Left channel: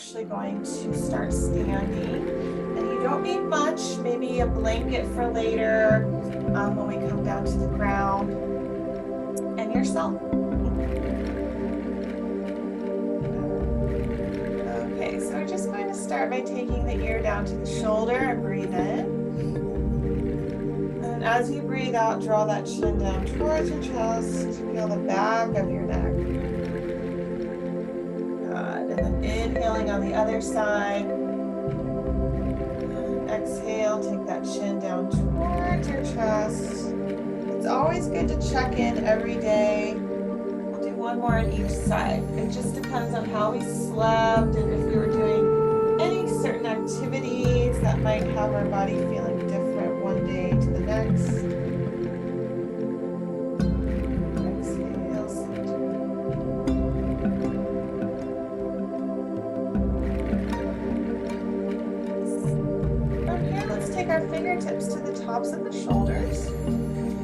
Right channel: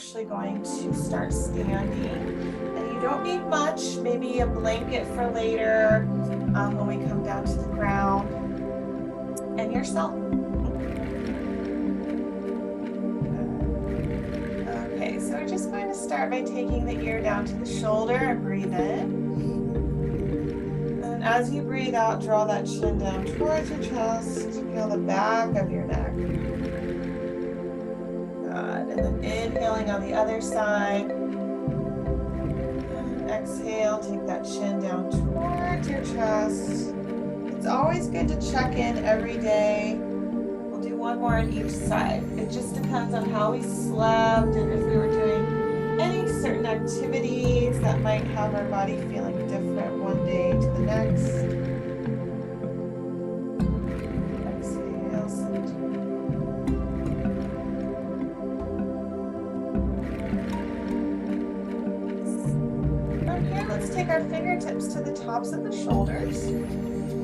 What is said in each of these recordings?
actually going to start standing. And you don't need much, maybe a blanket for later when we come down to the ground. And yourself. Okay, so we're just going to start by taking the ear down to the shoulder and breathe in. And as you breathe out, draw that chin down towards your chest. Feel the back of your neck. Good. And then inhaling on the other side. And exhale, take that chin down towards your chest. It's always good to check in every day. We'll do one more on each side. It just depends on how we slept and if we were doing any certain activities that might have our body feeling different one day to the next. Exhale, center. From here, let's take our fingertips to the tops of the shoulders.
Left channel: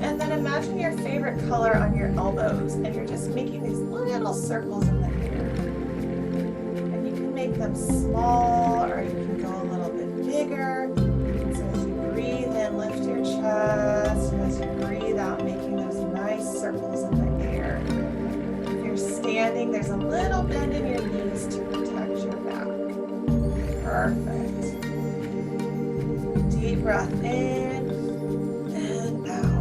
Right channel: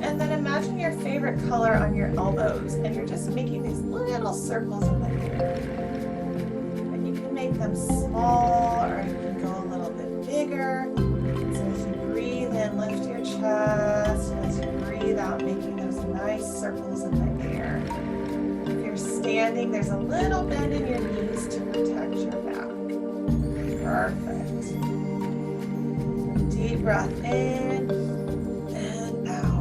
And then imagine your favorite color on your elbows, and you're just making these little circles in the air. And you can make them small, or you can go a little bit bigger. And so as you breathe in, lift your chest, and as you breathe out, making those nice circles in the air. If you're standing, there's a little bend in your knees to protect your back. Perfect. Deep breath in and out.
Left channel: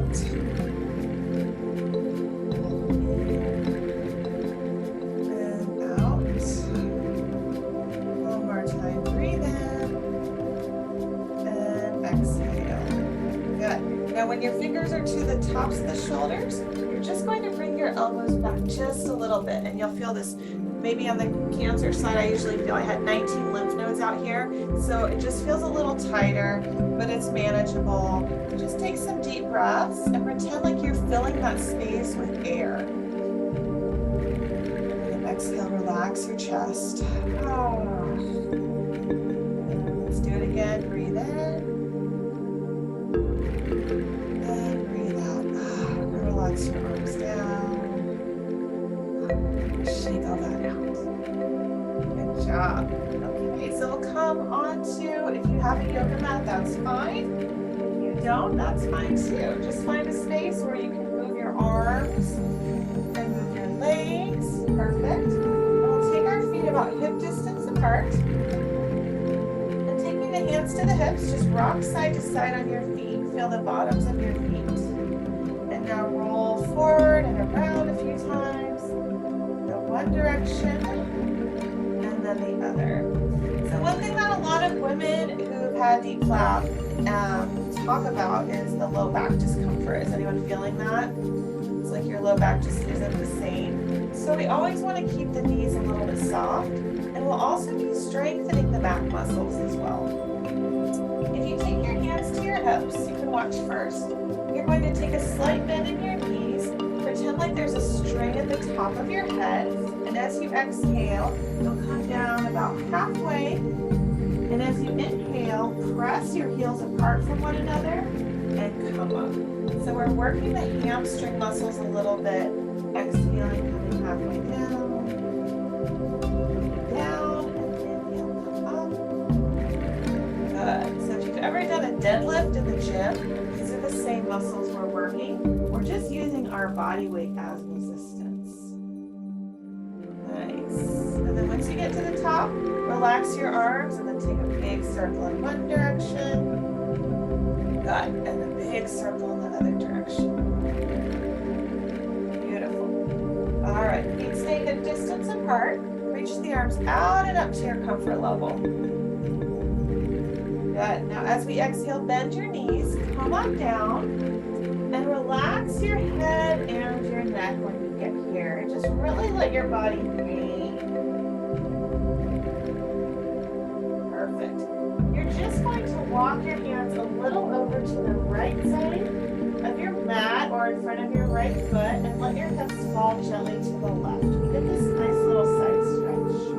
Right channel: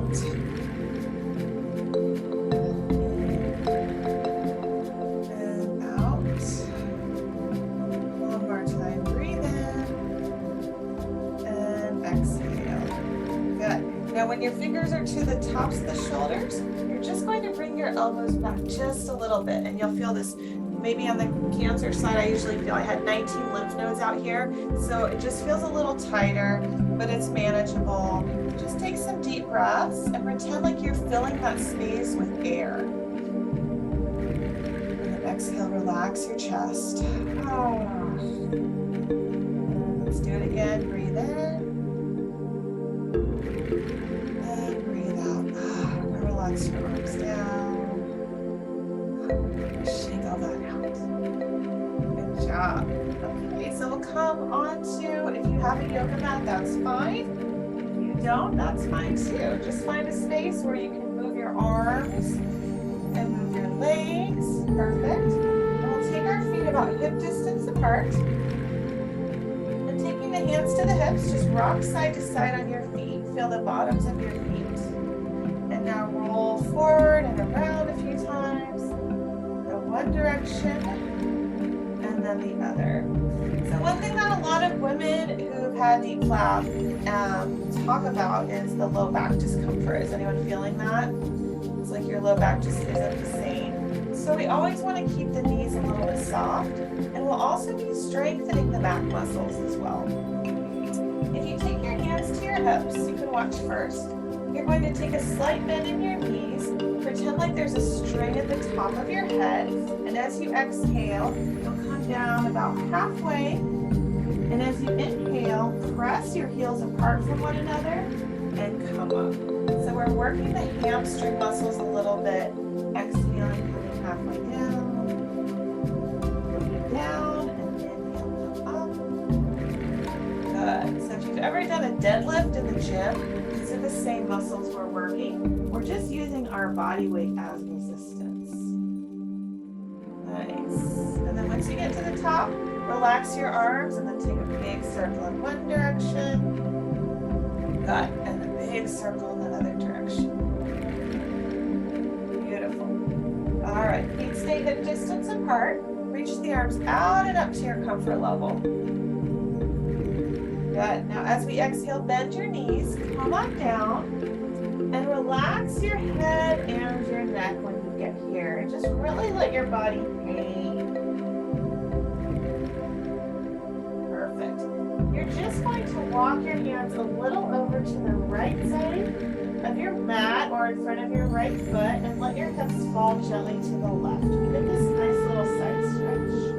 Now when your fingers are to the tops of the shoulders, you're just going to bring your elbows back just a little bit, and you'll feel this. Maybe on the Cancer side, I usually feel I had 19 lymph nodes out here, so it just feels a little tighter, but it's manageable. Just take some deep breaths and pretend like you're filling that space with air. And then exhale, relax your chest. And let's do it again. Breathe in. Relax your arms down. Shake all that out. Good job. Okay, so we'll come on to, if you have a yoga mat, that's fine. If you don't, that's fine too. Just find a space where you can move your arms and move your legs. Perfect. And we'll take our feet about hip distance apart. And taking the hands to the hips, just rock side to side on your feet. Feel the bottoms of your feet. Now roll forward and around a few times. Go one direction and then the other. So one thing that a lot of women who've had deep flap talk about is the low back discomfort. Is anyone feeling that? It's like your low back just isn't the same. So we always want to keep the knees a little bit soft, and we'll also be strengthening the back muscles as well. If you take your hands to your hips, you can watch first. You're going to take a slight bend in your knees, pretend like there's a string at the top of your head, and as you exhale, you'll come down about halfway, and as you inhale, press your heels apart from one another and come up. So we're working the hamstring muscles a little bit, exhaling, coming halfway down, looking down, and inhale, come up. Good. So if you've ever done a deadlift in the gym, these are the same muscles we're working. We're just using our body weight as resistance. Nice. And then once you get to the top, relax your arms and then take a big circle in one direction. Good. And a big circle in the other direction. Beautiful. All right. Feet stay hip distance apart. Reach the arms out and up to your comfort level. Good. Now as we exhale, bend your knees, come on down, and relax your head and your neck when you get here. And just really let your body hang. Perfect. You're just going to walk your hands a little over to the right side of your mat or in front of your right foot and let your hips fall gently to the left. We get this nice little side stretch.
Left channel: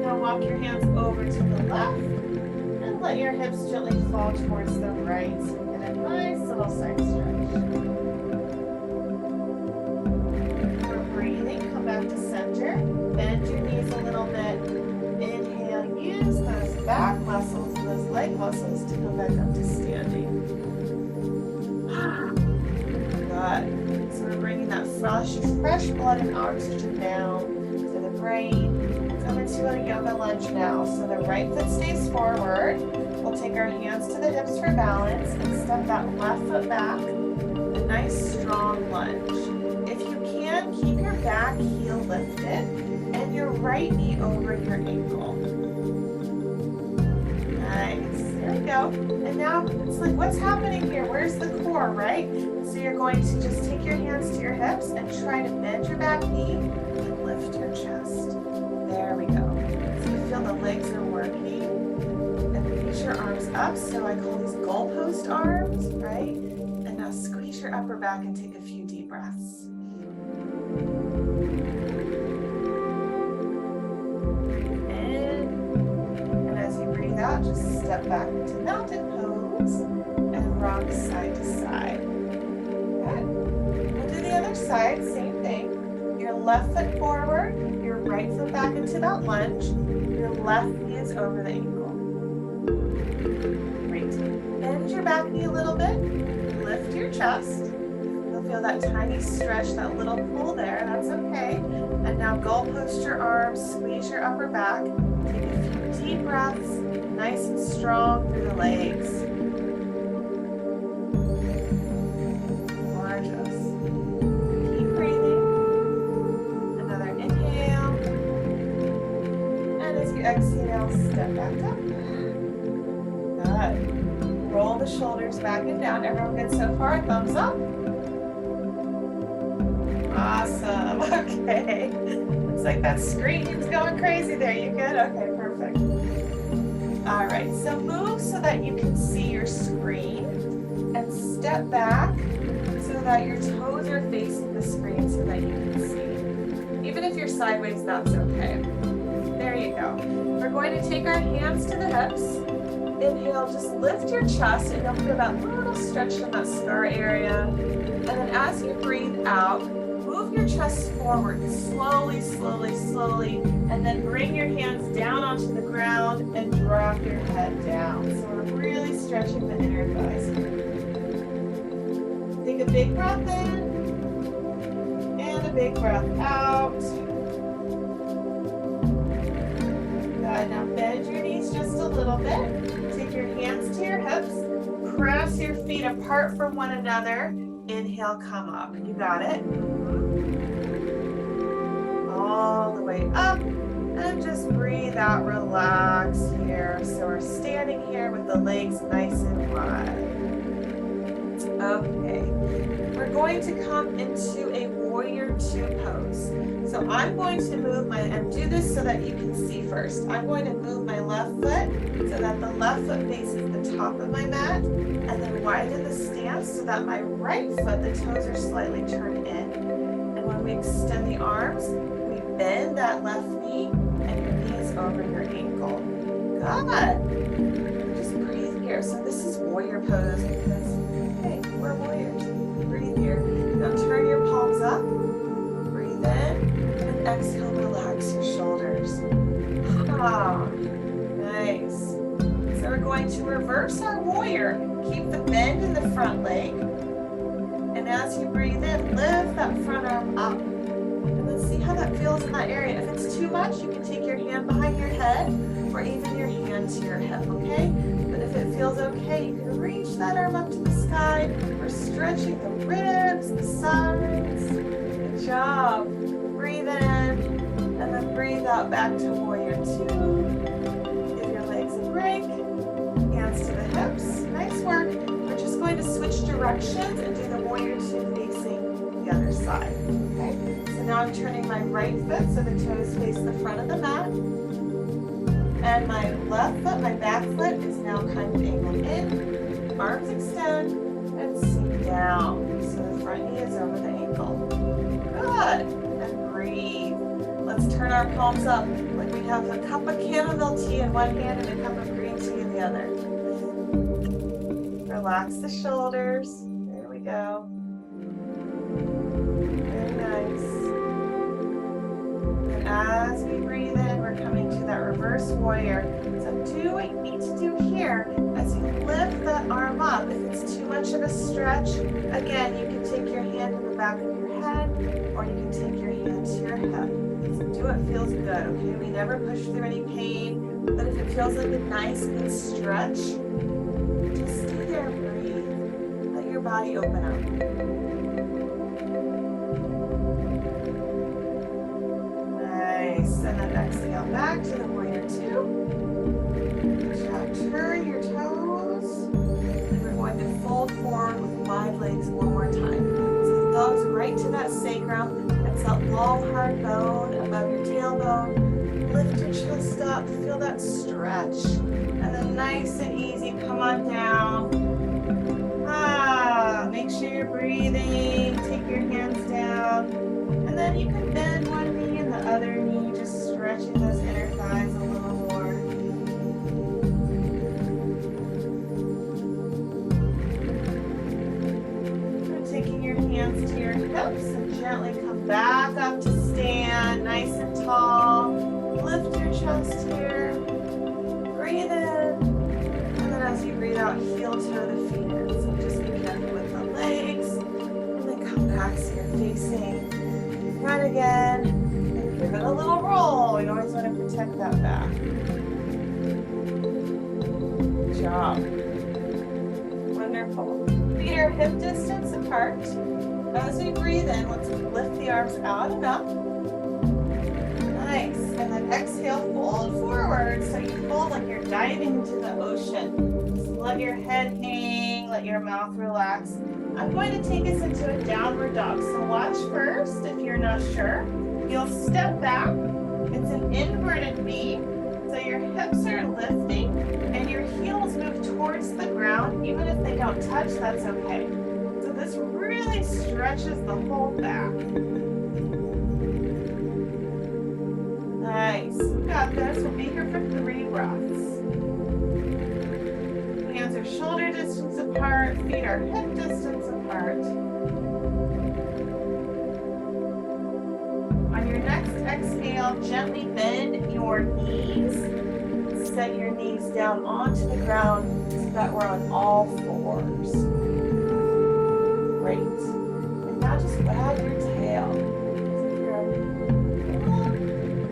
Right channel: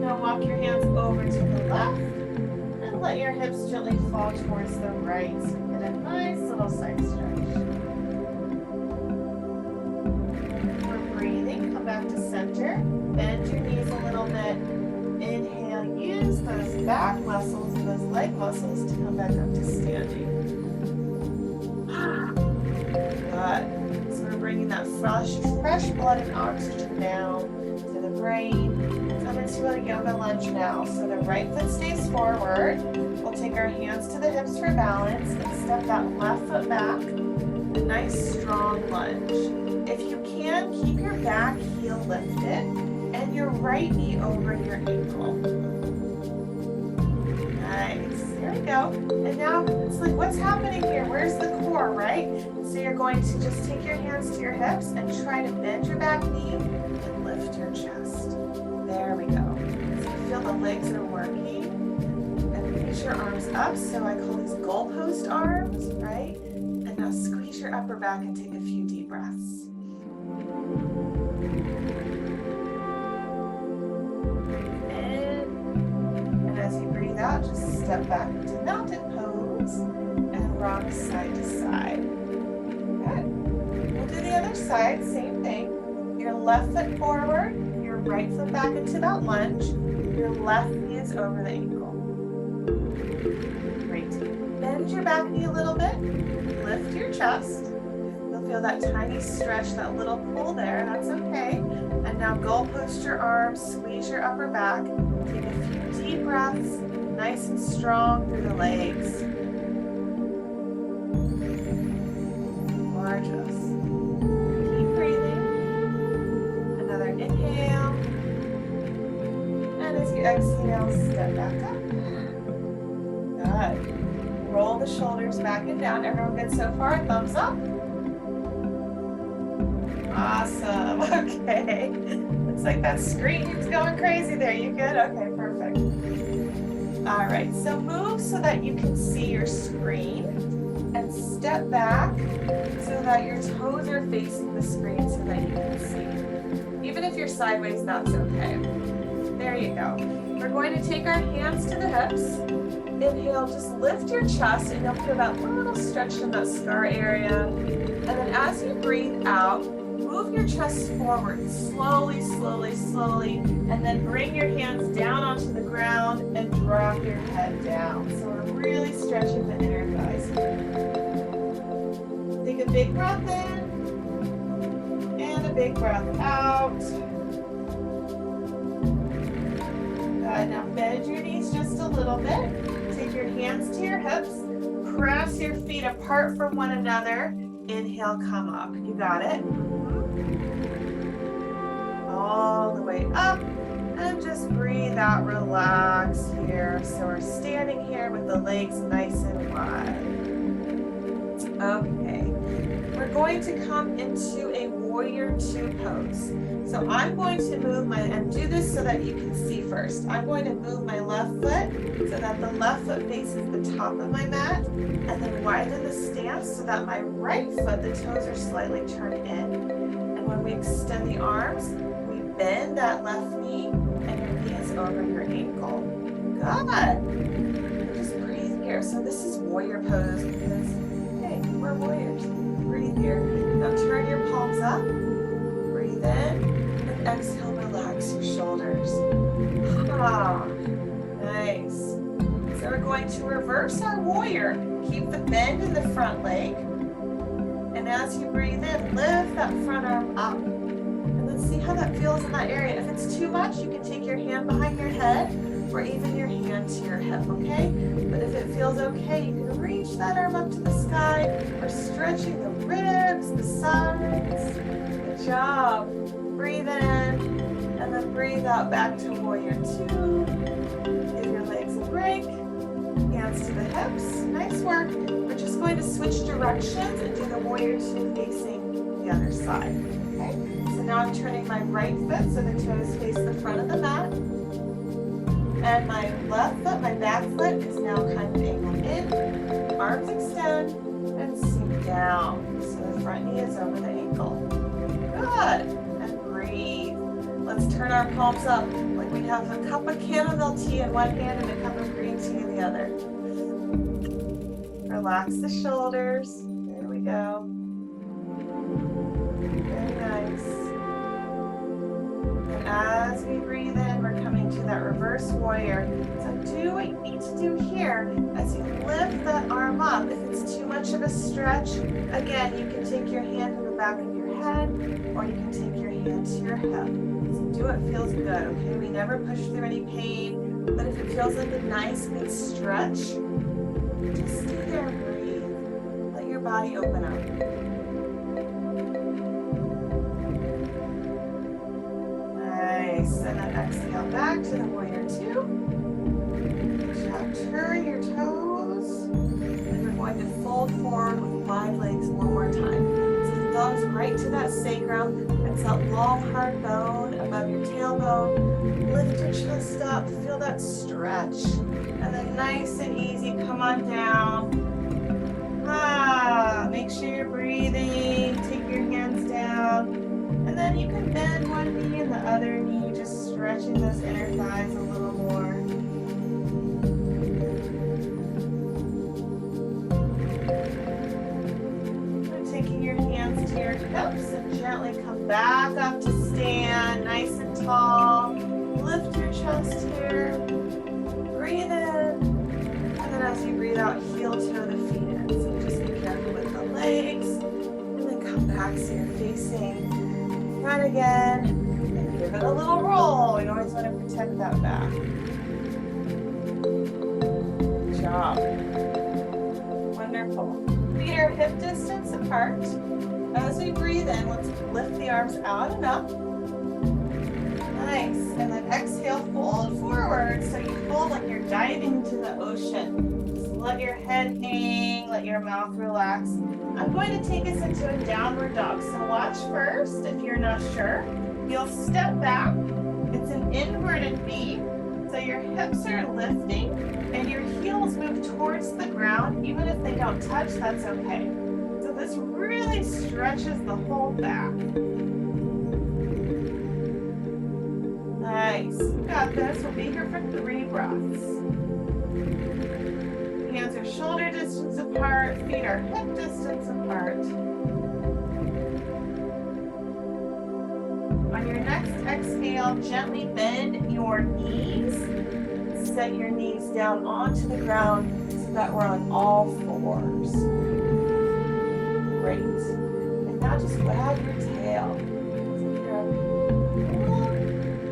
Now walk your hands over to the left and let your hips gently fall towards the right. So you get a nice little side stretch. We're breathing. Come back back to center. Bend your knees a little bit. Inhale, use those back muscles and those leg muscles to come back up to standing. Good. So we're bringing that fresh blood and oxygen down to the brain. We'll come into a yoga lunge now. So the right foot stays forward. We'll take our hands to the hips for balance and step that left foot back. A nice strong lunge. If you can, keep your back heel lifted and your right knee over your ankle. Nice. There we go. And now it's like, what's happening here? Where's the core, right? So you're going to just take your hands to your hips and try to bend your back knee and lift your chest. There we go. So you feel the legs are working. And reach your arms up. So I call these goalpost arms, right? And now squeeze your upper back and take a few deep breaths. Breathe in. And as you breathe out, just step back into mountain pose and rock side to side. Good. We'll do the other side, same thing. Your left foot forward, your right foot back into that lunge. Your left knee is over the ankle. Great. Bend your back knee a little bit. Lift your chest. You'll feel that tiny stretch, that little pull there. That's okay. And now goalpost your arms, squeeze your upper back. Take a few deep breaths, nice and strong through the legs. Gorgeous. Keep breathing. Another inhale. And as you exhale, step back up. Good. Roll the shoulders back and down. Everyone good so far? Thumbs up. Awesome. Okay. Looks like that screen's going crazy there. You good? Okay, perfect. All right. So move so that you can see your screen and step back so that your toes are facing the screen so that you can see. Even if you're sideways, that's okay. There you go. We're going to take our hands to the hips. Inhale, just lift your chest and you'll feel that little stretch in that scar area. And then as you breathe out, move your chest forward slowly, slowly, slowly. And then bring your hands down onto the ground and drop your head down. So we're really stretching the inner thighs. Take a big breath in and a big breath out. Good. Now bend your knees just a little bit. Take your hands to your hips, press your feet apart from one another. Inhale, come up. You got it. All the way up. And just breathe out, relax here. So we're standing here with the legs nice and wide. Okay. We're going to come into a warrior two pose. So I'm going to move and do this so that you can see first. I'm going to move my left foot so that the left foot faces the top of my mat, and then widen the stance so that my right foot, the toes are slightly turned in. And when we extend the arms, we bend that left knee, and your knee is over your ankle. Good. Just breathe here. So this is warrior pose because, hey, we're warriors. Breathe here. Now turn your palms up. Breathe in. Exhale, relax your shoulders. Ah, nice. So we're going to reverse our warrior. Keep the bend in the front leg. And as you breathe in, lift that front arm up. And then see how that feels in that area. If it's too much, you can take your hand behind your head or even your hand to your hip, okay? But if it feels okay, you can reach that arm up to the sky. We're stretching the ribs, the sides. Good job. Breathe in, and then breathe out back to warrior two. Give your legs a break. Hands to the hips. Nice work. We're just going to switch directions and do the warrior two facing the other side. Okay? So now I'm turning my right foot so the toes face the front of the mat. And my left foot, my back foot, is now kind of angled in. Arms extend and sink down. So the front knee is over the ankle. Good. And breathe. Let's turn our palms up like we have a cup of chamomile tea in one hand and a cup of green tea in the other. Relax the shoulders. There we go. Very nice. as we breathe in, we're coming to that reverse warrior. So do what you need to do here as you lift that arm up. If it's too much of a stretch, again, you can take your hand to the back of your head, or you can take your hand to your hip. So do what feels good, okay? We never push through any pain, but if it feels like a nice, good stretch, just stay there and breathe. Let your body open up. And then exhale back to the warrior two. Turn your toes. And we're going to fold forward with wide legs one more time. So the thumbs right to that sacrum. That's that long, hard bone above your tailbone. Lift your chest up. Feel that stretch. And then nice and easy, come on down. Make sure you're breathing. Take your hands down. And then you can bend one knee and the other knee, just stretching those inner thighs a little more. And taking your hands to your hips and gently come back up to stand, nice and tall. Lift your chest here. Breathe in. And then as you breathe out, heel toe the feet in. So just be careful with the legs. And then come back so you're facing front again, and give it a little roll. We always want to protect that back. Good job. Wonderful. Feet are hip distance apart. As we breathe in, let's lift the arms out and up. Nice. And then exhale, fold forward. So you fold like you're diving into the ocean. Just let your head hang, let your mouth relax. I'm going to take us into a downward dog. So watch first if you're not sure. You'll step back. It's an inverted V. So your hips are lifting and your heels move towards the ground. Even if they don't touch, that's okay. So this really stretches the whole back. Nice. We got this. We'll be here for 3 breaths. Hands are shoulder distance apart, feet are hip distance apart. On your next exhale, gently bend your knees. Set your knees down onto the ground so that we're on all fours. Great. And now just wag your tail. So if you're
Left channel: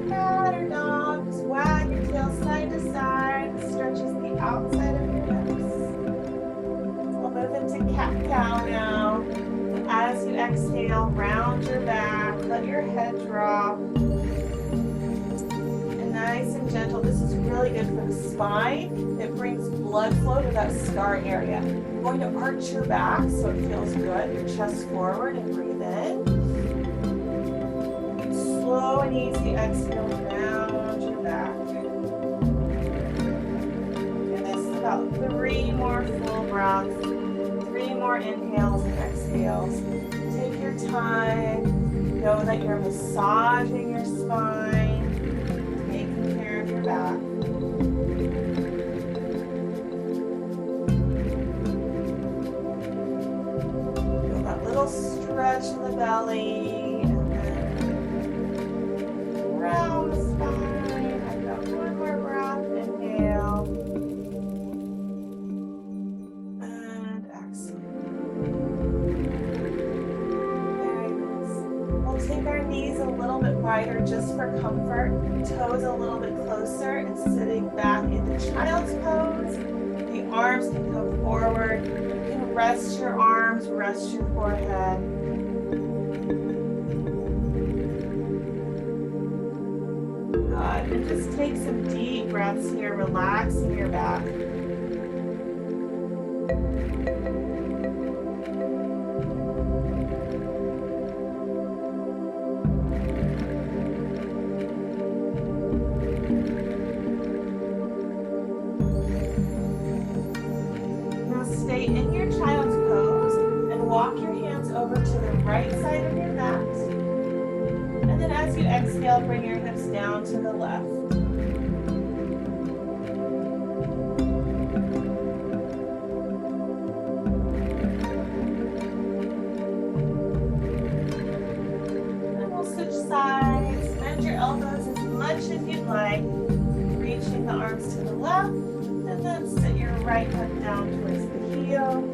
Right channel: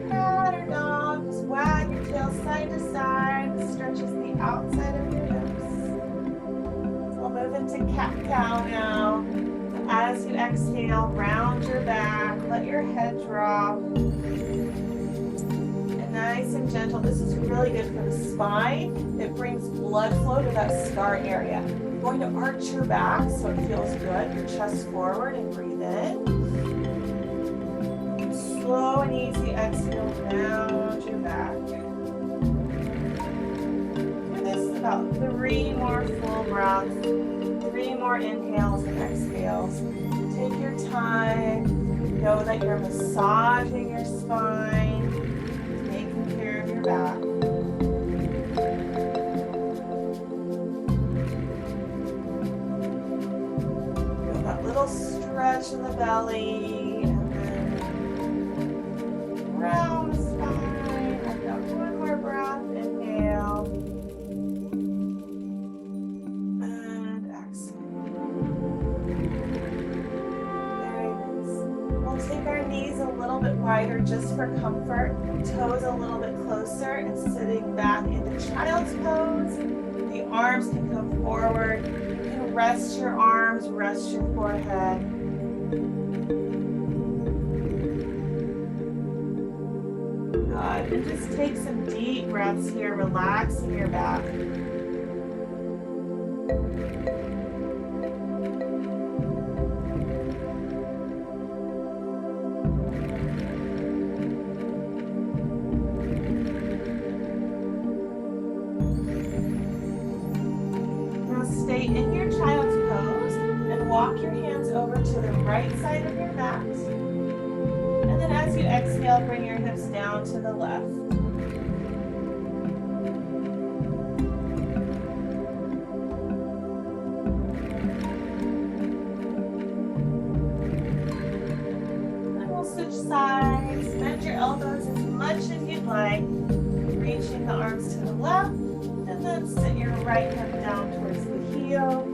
a cat or dog, just wag your tail side to side. This stretches the outside of your hips. We'll move into cat-cow now. So as you exhale, round your back, let your head drop. And nice and gentle. This is really good for the spine. It brings blood flow to that scar area. You're going to arch your back so it feels good. Your chest forward and breathe in. Slow and easy exhale, round your back. About 3 more full breaths, 3 more inhales and exhales. Take your time. Know that you're massaging your spine, taking care of your back. Feel that little stretch in the belly, and then round the spine. I've got 1 more breath. Inhale. Take our knees a little bit wider just for comfort, toes a little bit closer, and sitting back into child's pose. The arms can come forward. You can rest your arms, rest your forehead. Good. And just take some deep breaths here, relaxing your back. Stay in your child's pose and walk your hands over to the right side of your mat. And then as you exhale, bring your hips down to the left. And we'll switch sides. Bend your elbows as much much as you'd like, reaching the arms to the left, and then sit your right hip down towards the heel.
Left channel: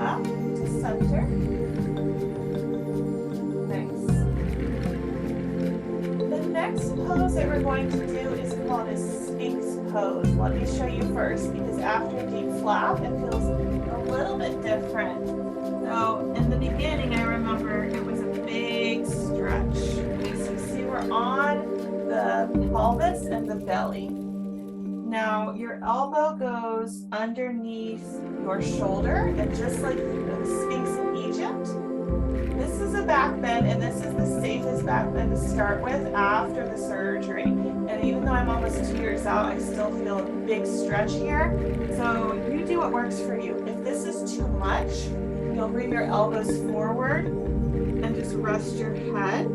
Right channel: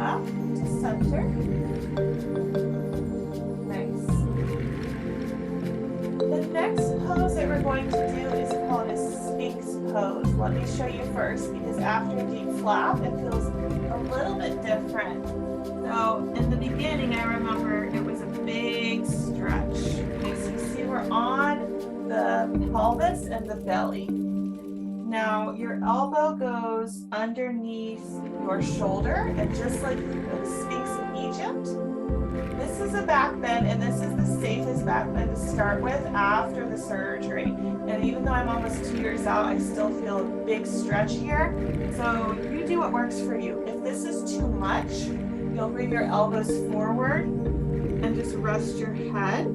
Up to center. Nice. The next pose that we're going to do is called a Sphinx pose. Let me show you first, because after a deep flap, it feels a little bit different. So in the beginning, I remember it was a big stretch. Okay, so you see we're on the pelvis and the belly. Now your elbow goes underneath your shoulder, and just like the Sphinx in Egypt, this is a back bend, and this is the safest back bend to start with after the surgery. And even though I'm almost 2 years out, I still feel a big stretch here. So you do what works for you. If this is too much, you'll bring your elbows forward and just rest your head,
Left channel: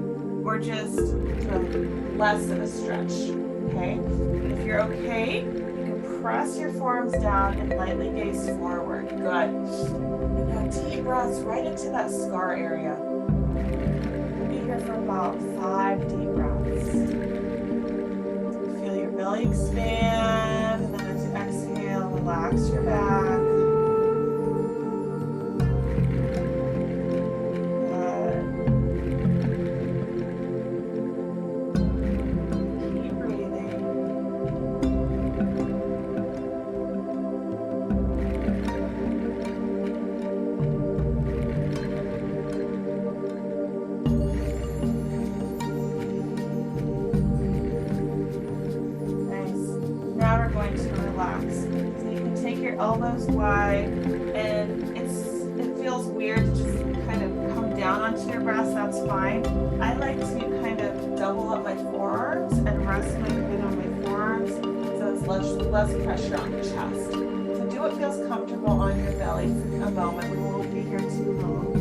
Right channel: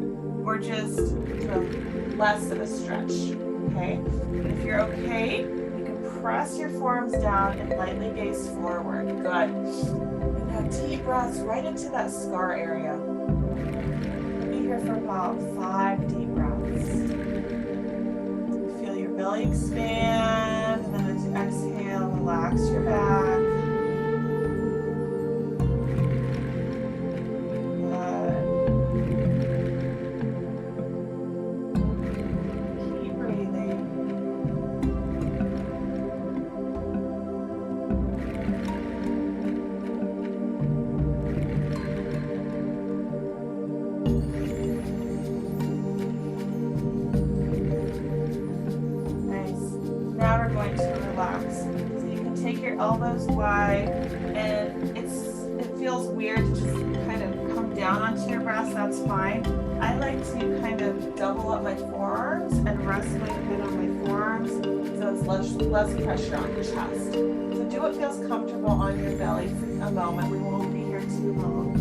or just do less of a stretch. Okay, and if you're okay, you can press your forearms down and lightly gaze forward. Good. And now deep breaths right into that scar area. We'll be here for about 5 deep breaths. Feel your belly expand, and then as you exhale, relax your back. Elbows wide, and it feels weird to just kind of come down onto your breast. That's fine. I like to kind of double up my forearms and rest my head on my forearms, so it's less pressure on the chest. So do what feels comfortable on your belly for a moment. We won't be here too long.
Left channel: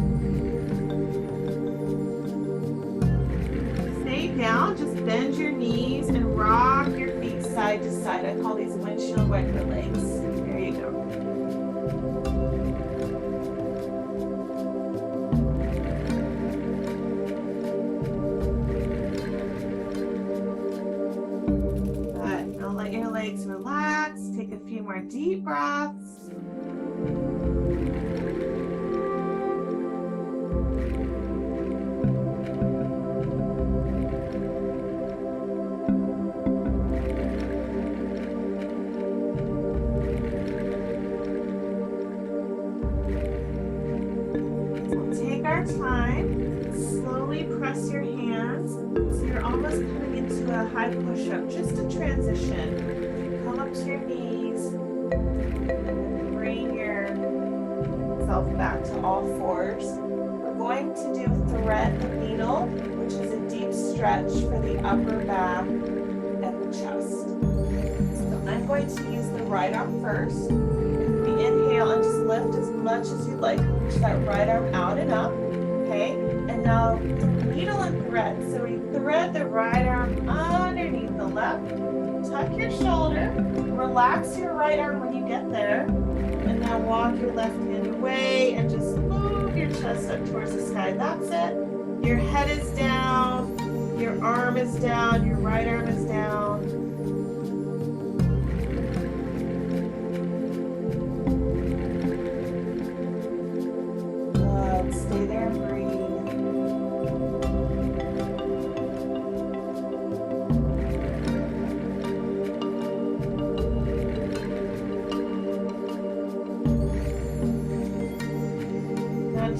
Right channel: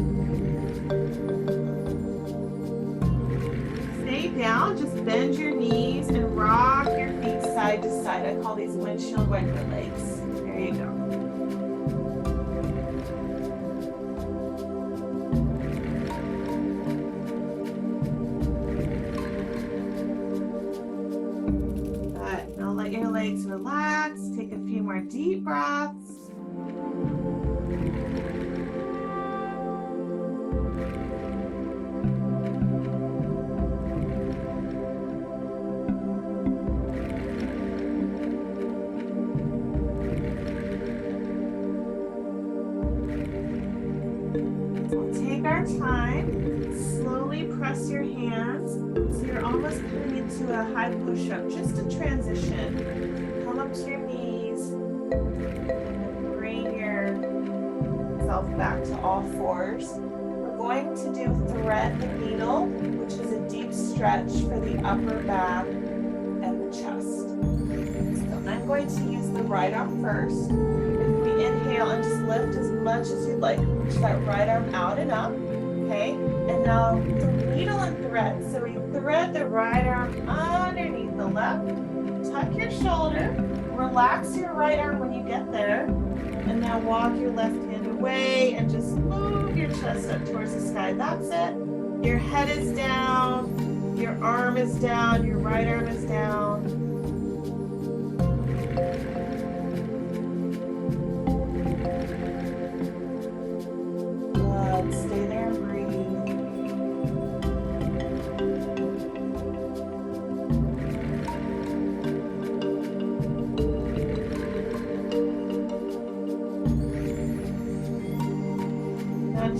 Stay down, just bend your knees and rock your feet side to side. I call these windshield wiper legs. There you go. Good. Now let your legs relax. Take a few more deep breaths. Our time, slowly press your hands so you're almost coming into a high push-up, just a transition. Come up to your knees and then bring yourself back to all fours. We're going to do thread the needle, which is a deep stretch for the upper back and the chest. So I'm going to use the right arm first. If we inhale and just lift as much as you'd like, reach that right arm out and up. Okay, and now the needle and thread. So we thread the right arm underneath the left, tuck your shoulder, relax your right arm when you get there, and now walk your left hand away and just move your chest up towards the sky. That's it. Your head is down, your arm is down, your right arm is down. Good. Stay there and breathe.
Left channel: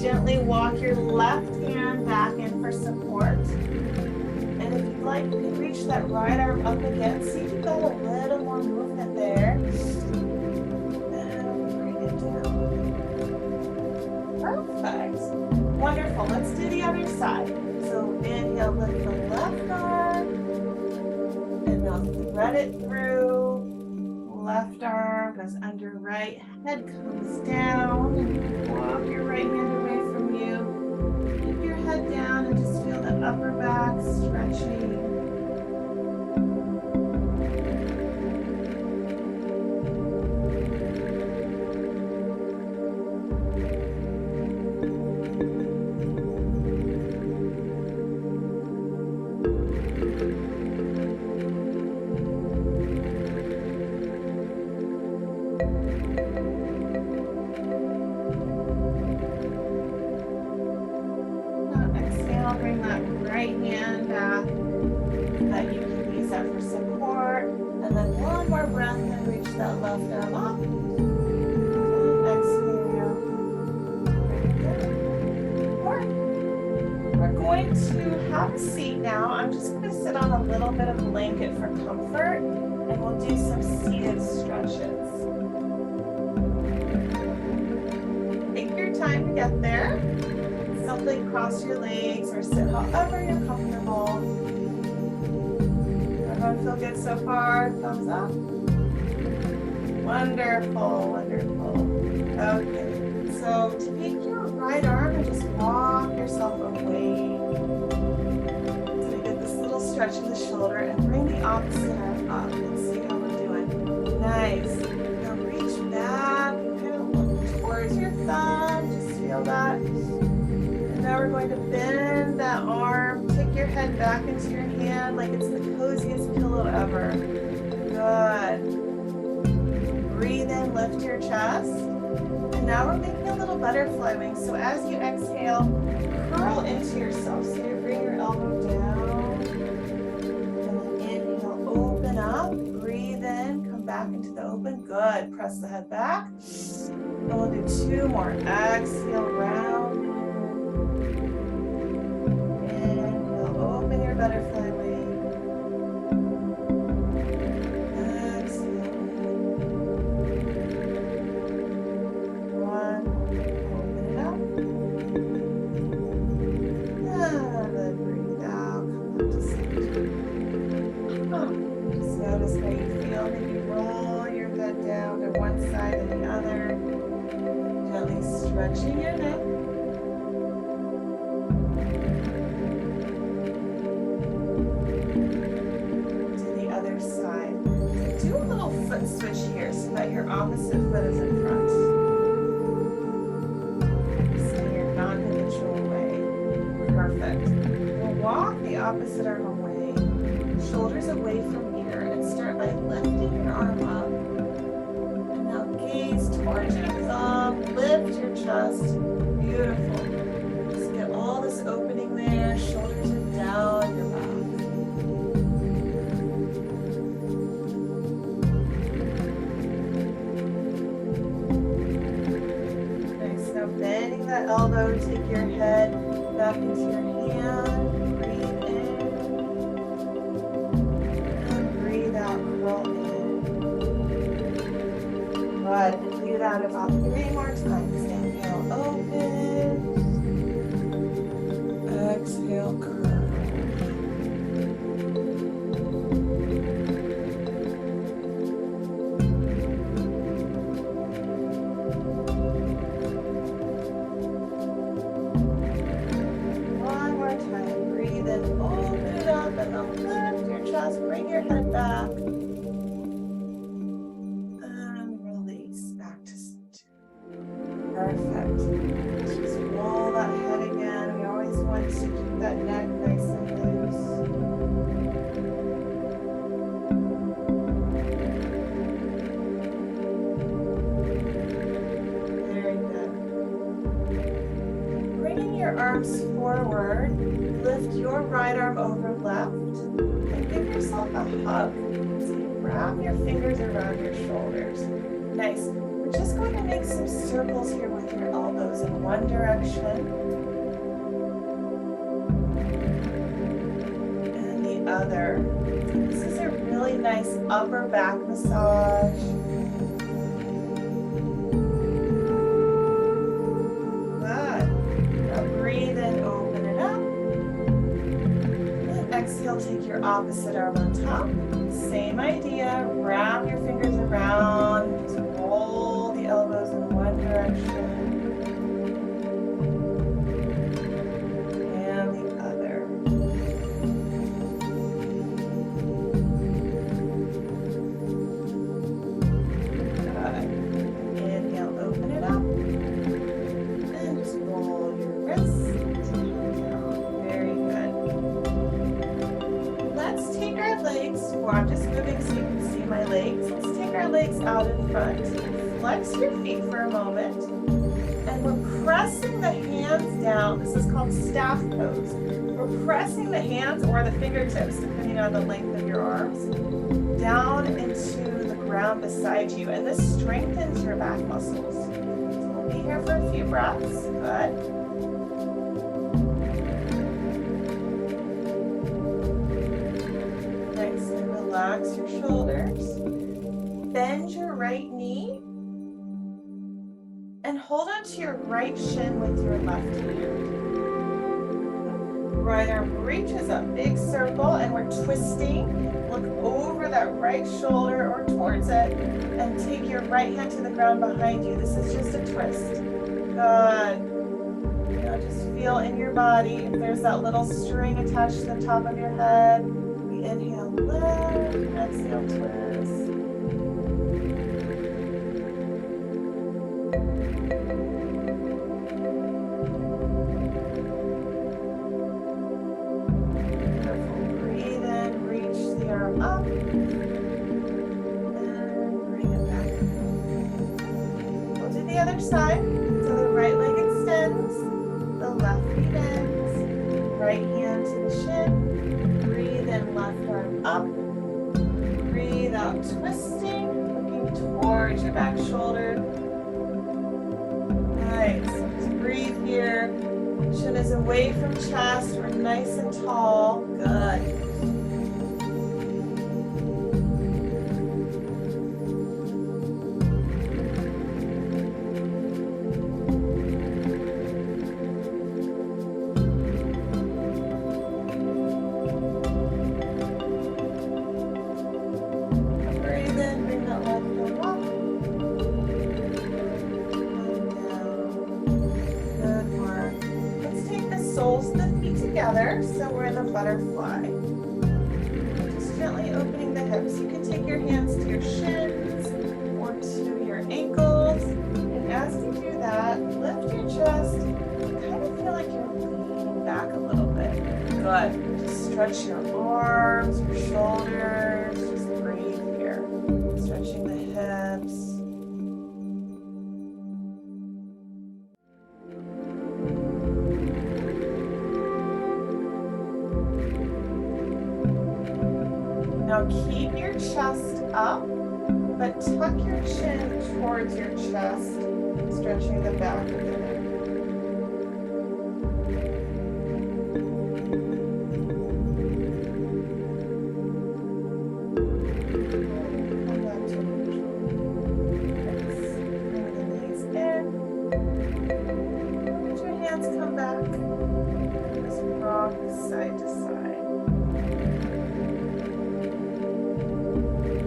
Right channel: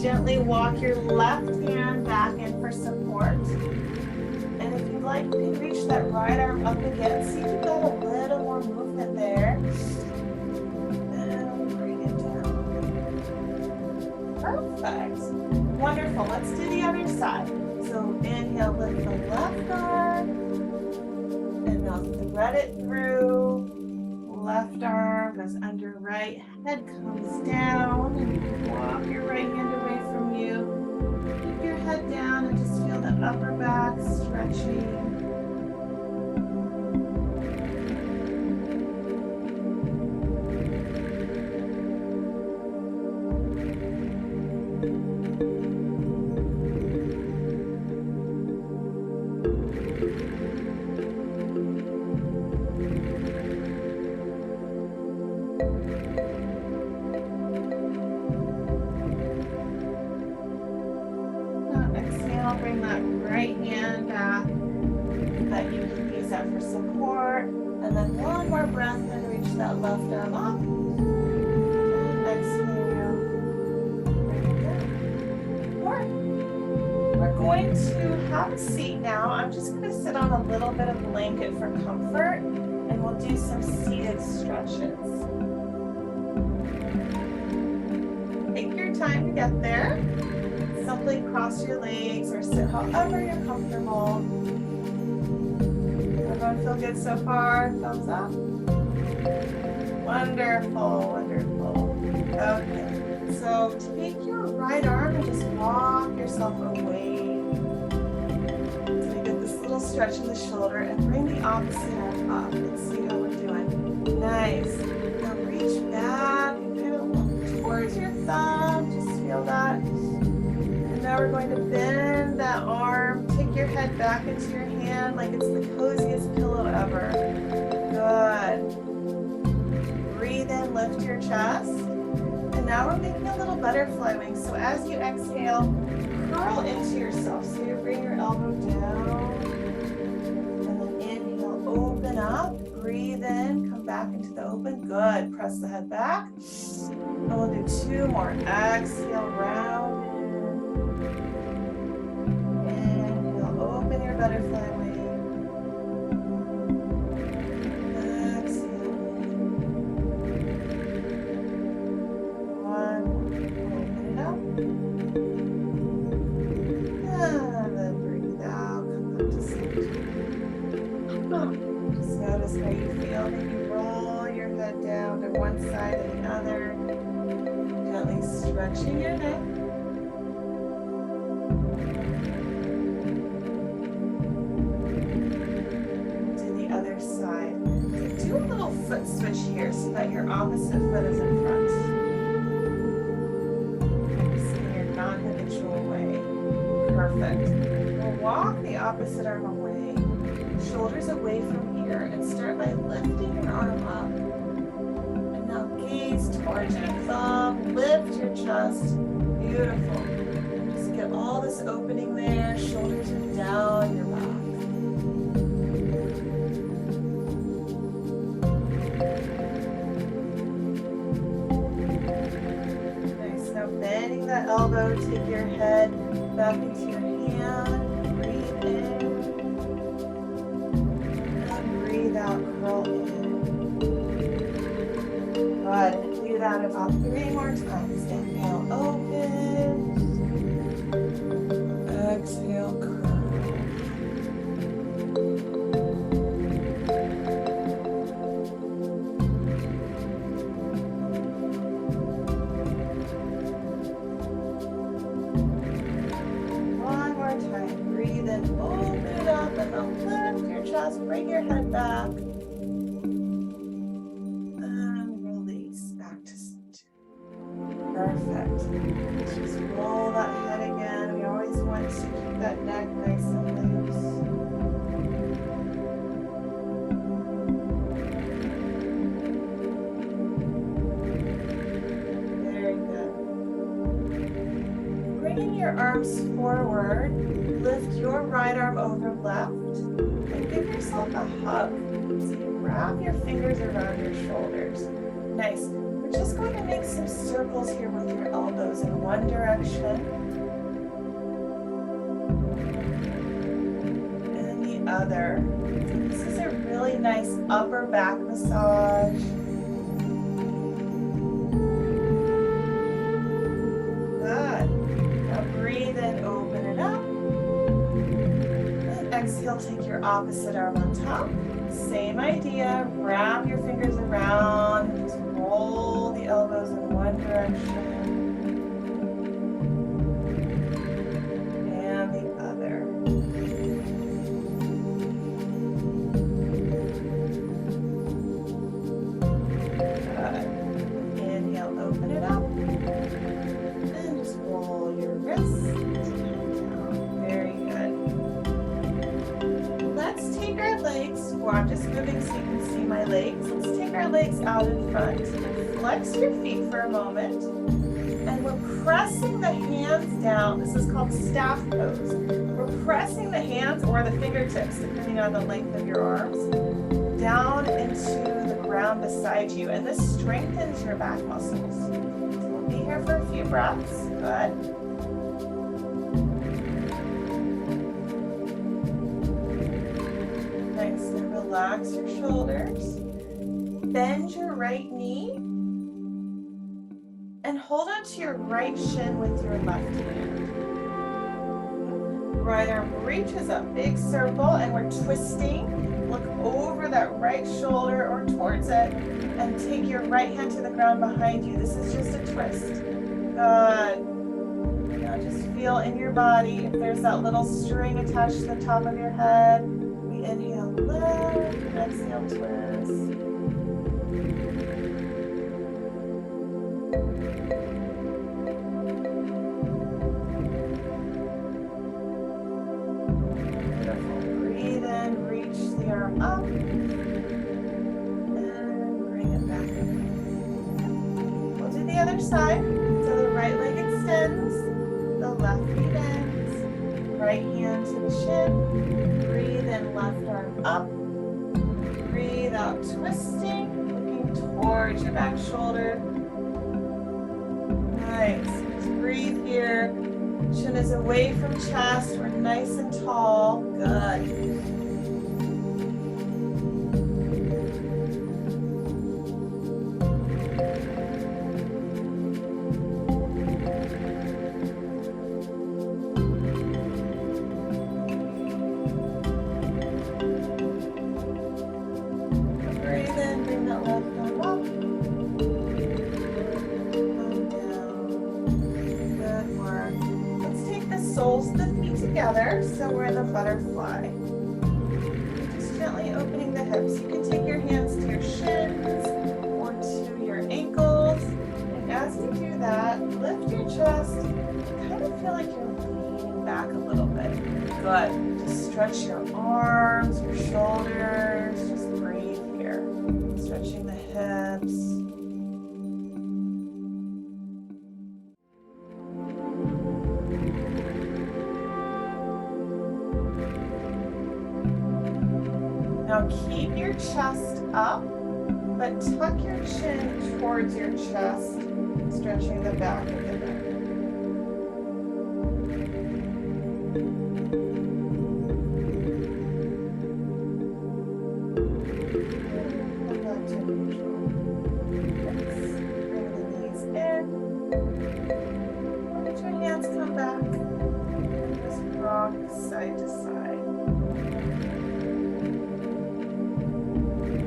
Gently walk your left hand back in for support. And if you'd like, you can reach that right arm up again. See if you've got a little more movement there. And bring it down. Perfect. Wonderful. Let's do the other side. So inhale, lift the left arm. And now thread it through. Left arm goes under right, head comes down, and you can walk your right hand away from you. Keep your head down and just feel that upper back stretching. Bring that right hand back so that you can use that for support. And then one more breath and reach that left arm up. And exhale. Bring it down. More. We're going to have a seat now. I'm just going to sit on a little bit of blanket for comfort, and we'll do some seated stretches. Take your time to get there. Simply cross your legs or sit however you're comfortable. Everyone feel good so far? Thumbs up. Wonderful, wonderful. Okay, so take your right arm and just walk yourself away. So we get this little stretch in the shoulder and bring the opposite arm up. Let's see how we're doing. Nice. Now reach back and kind of look towards your thumb. Just feel that. Now we're going to bend that arm, take your head back into your hand like it's the coziest pillow ever. Good. Breathe in, lift your chest. And now we're making a little butterfly wing. So as you exhale, curl into yourself. So you bring your elbow down. And then inhale, open up. Breathe in, come back into the open. Good. Press the head back. And we'll do two more. Exhale, round. Open your butterfly wing. Exhale. One. Open it up. And then breathe out. Come back to center. Just notice how you feel. Maybe roll your head down to one side and the other. Gently stretching your neck. Side. So do a little foot switch here so that your opposite foot is in front. In your non-habitual way. Perfect. We'll walk the opposite arm away, shoulders away from ear, and start by lifting your arm up. And now gaze towards your thumb, lift your chest. Beautiful. And just get all this opening there. Shoulders are down your back. Now bending that elbow, take your head back into your hand, breathe in, and breathe out, curl in. Good, and do that about 3 more times. Inhale, open, exhale, curl. Breathe in, open it up, and then lift your chest, bring your head back, and release back to center. Perfect. Just roll that head again. We always want to keep that neck nice and loose. Very good. Bringing your arms forward. Lift your right arm over left and give yourself a hug. So you wrap your fingers around your shoulders. Nice. We're just going to make some circles here with your elbows in one direction and the other. So this is a really nice upper back massage. Good. Now breathe in, open it up. Exhale, take your opposite arm on top. Same idea, wrap your fingers around, just roll the elbows in one direction and the other. legs, or I'm just moving so you can see my legs. Let's take our legs out in front and flex your feet for a moment. And we're pressing the hands down. This is called staff pose. We're pressing the hands or the fingertips, depending on the length of your arms, down into the ground beside you. And this strengthens your back muscles. So we'll be here for a few breaths. Good. Nice. And relax your shoulders. Bend your right knee. And hold onto your right shin with your left hand. Right arm reaches up, big circle, and we're twisting. Look over that right shoulder or towards it, and take your right hand to the ground behind you. This is just a twist. Good. Now just feel in your body if there's that little string attached to the top of your head. We inhale, lift, exhale, twist. Breathe in, reach the arm up, and bring it back. We'll do the other side. So the right leg extends, the left knee bends, right hand to the shin. Breathe in, left arm up. Breathe out, twisting, looking towards your back shoulder. Nice. Just breathe here. Chin is away from chest. We're nice and tall. Good. Breathe in, bring that left arm up. Soles of the feet together, so we're in the butterfly. Just gently opening the hips. You can take your hands to your shins or to your ankles, and as you do that, lift your chest. Kind of feel like you're leaning back a little bit. Good. Just stretch your arms, your shoulders. Just breathe here. Stretching the hips. Now keep your chest up, but tuck your chin towards your chest, stretching the back of the neck. Come back to neutral. Nice. Bring the knees in. Let your hands come back. Just rock side to side.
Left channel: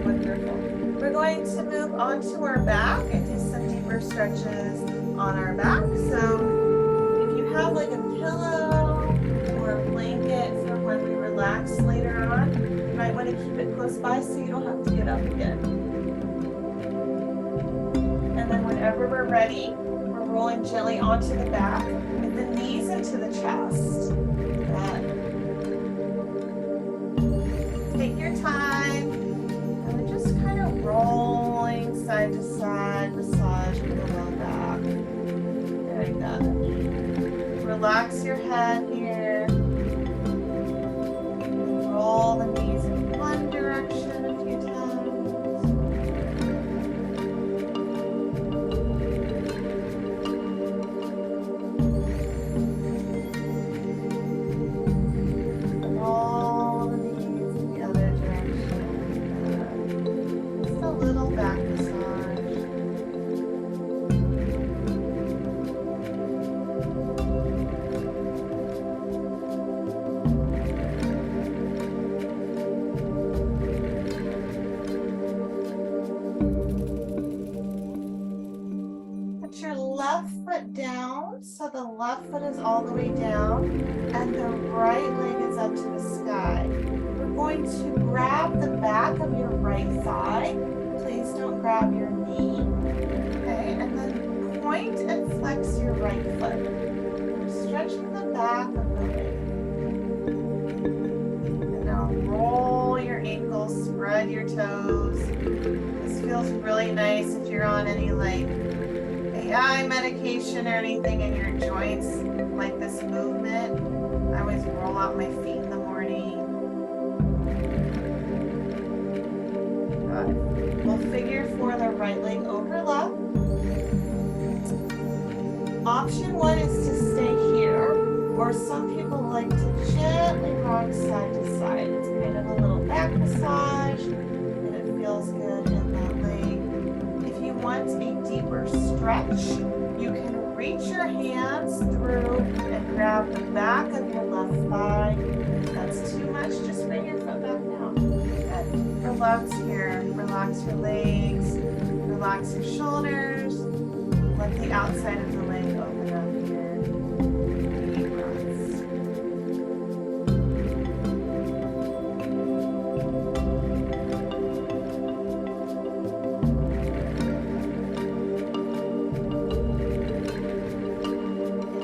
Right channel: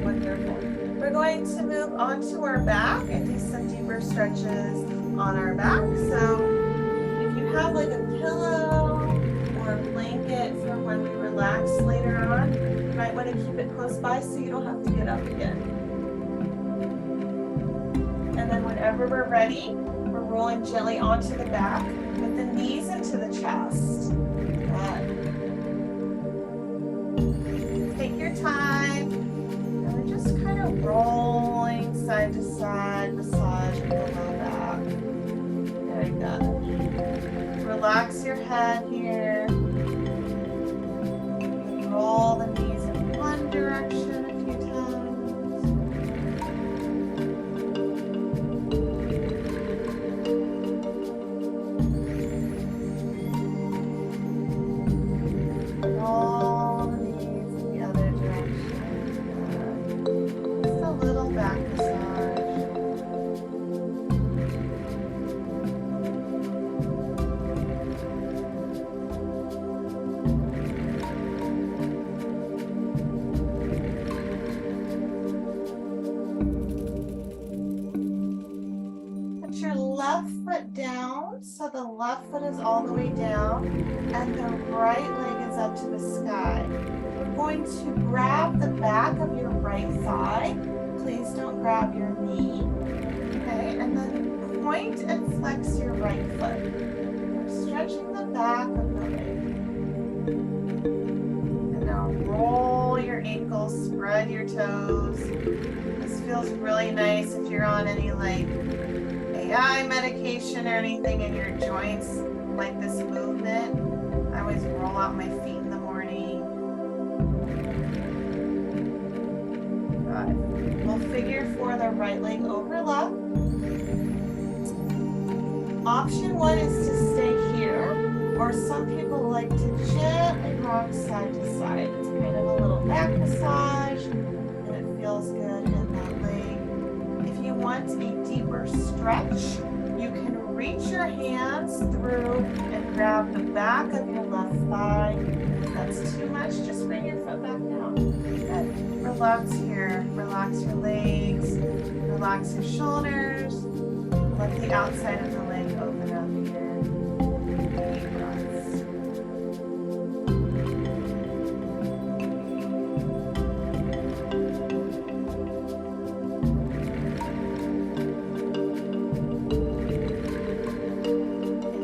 Wonderful. We're going to move onto our back and do some deeper stretches on our back. So if you have like a pillow or a blanket for when we relax later on, you might want to keep it close by so you don't have to get up again. And then whenever we're ready, we're rolling gently onto the back with the knees into the chest. Good. Take your time. Just kind of rolling side to side, massaging the low back. Very good. Relax your head here. Roll the knees in one direction a few times. Roll the knees in the other direction. Just a little back massage. Put your left foot down, so the left foot is all the way down, and the right leg is up to the sky. We're going to grab the back of your right thigh. Please don't grab your knee. Okay, and then point and flex your right foot. We're stretching the back of the leg. And now roll your feels really nice if you're on any like AI medication or anything and your joints like this movement. I always roll out my feet in the morning. Good. We'll figure for the right leg over left. Option one is to stay here, or some people like to gently rock side to side. It's kind of a little back massage, and it feels good in that leg. If you want a deeper stretch, you can reach your hands through and grab the back of your left thigh. If that's too much, just bring your foot back down. Good. Relax here. Relax your legs. Relax your shoulders. Let the outside of the leg open up here. Deep breaths.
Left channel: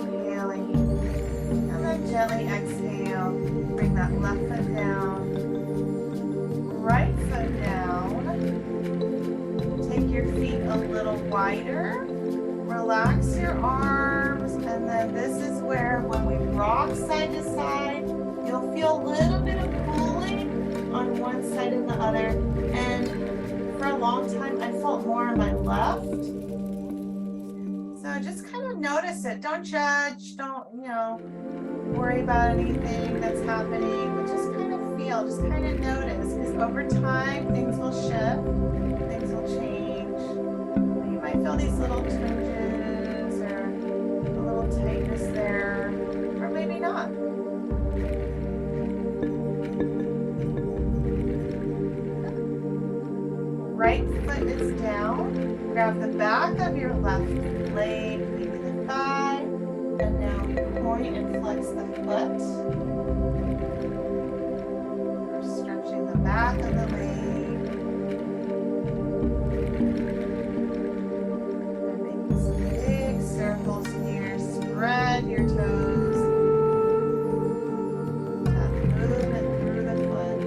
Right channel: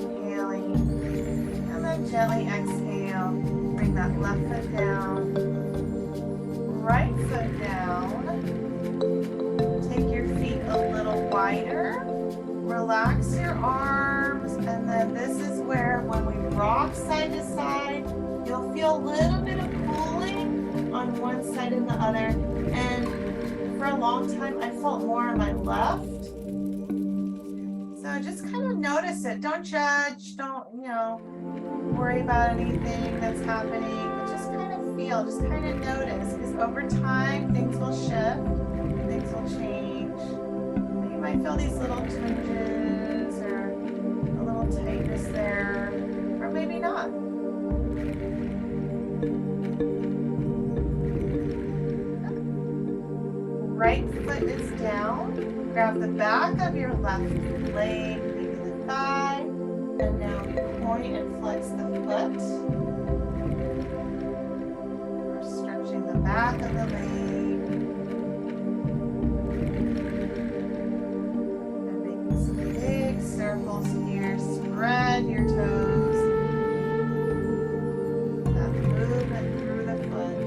Inhaling. And then gently exhale. Bring that left foot down. Right foot down. Take your feet a little wider. Relax your arms, and then this is where when we rock side to side, you'll feel a little bit of pulling on one side and the other. And for a long time, I felt more on my left. So just kind of notice it. Don't judge. Don't, worry about anything that's happening. But just kind of feel, just kind of notice, because over time, things will shift, things will change. You might feel these little twinges or a little tightness there, or maybe not. Right foot is down. Grab the back of your left leg, maybe the thigh, and now point and flex the foot. We're stretching the back of the leg. Circles here, spread your toes. That movement through the foot.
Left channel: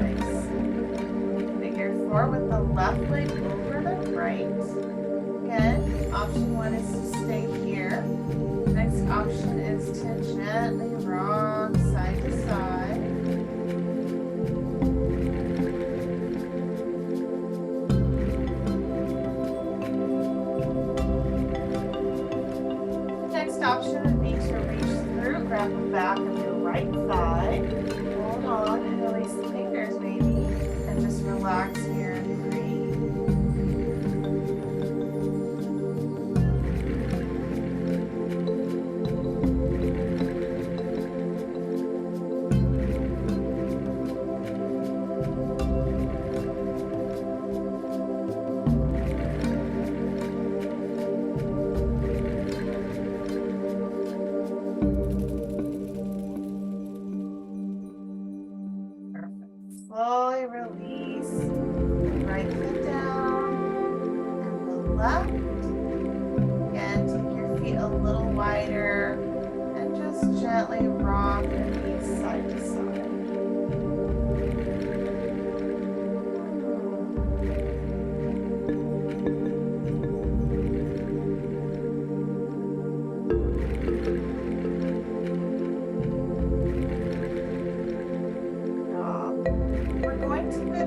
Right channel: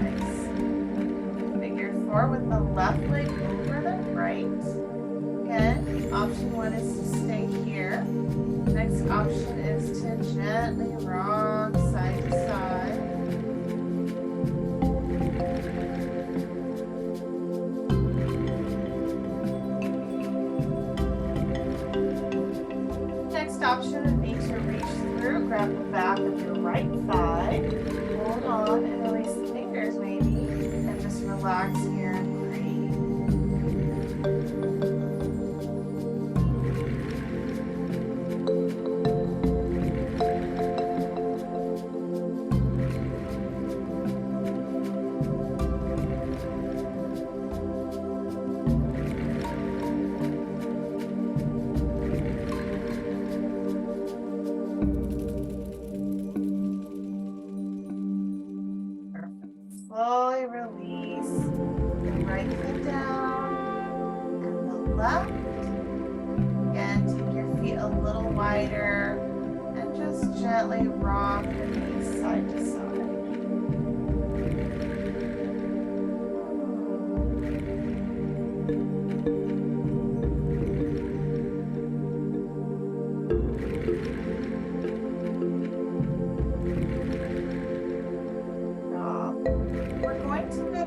Nice. Figure four with the left leg over the right. Again, option one is to stay here. Next option is to gently rock side to side. Next option would be to reach through, grab the back of your right thigh, hold on and release the fingers maybe, and just relax here and breathe. Slowly release the right foot down and the left. Again, take your feet a little wider and just gently rock the knees side to side.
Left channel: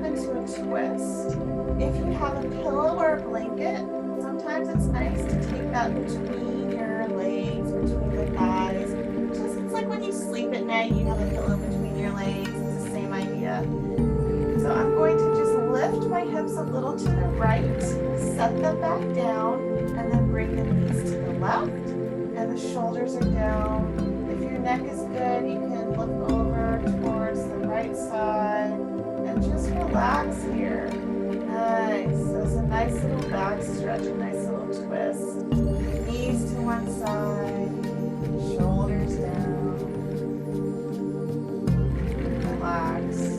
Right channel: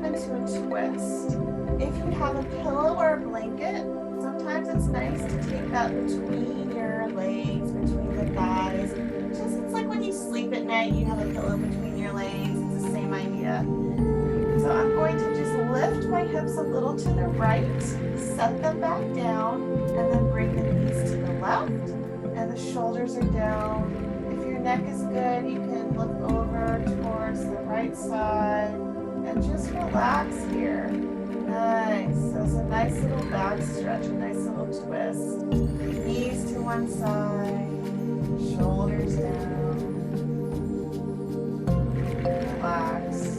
Into a twist. If you have a pillow or a blanket, sometimes it's nice to take that between your legs, between the thighs. Just it's like when you sleep at night, you have a pillow between your legs. It's the same idea. So I'm going to just lift my hips a little to the right, set them back down, and then bring the knees to the left, and the shoulders are down. If your neck is good, you can look over towards the right side. And just relax here. Nice. So it's a nice little back stretch, a nice little twist. Knees to one side, shoulders down. Relax.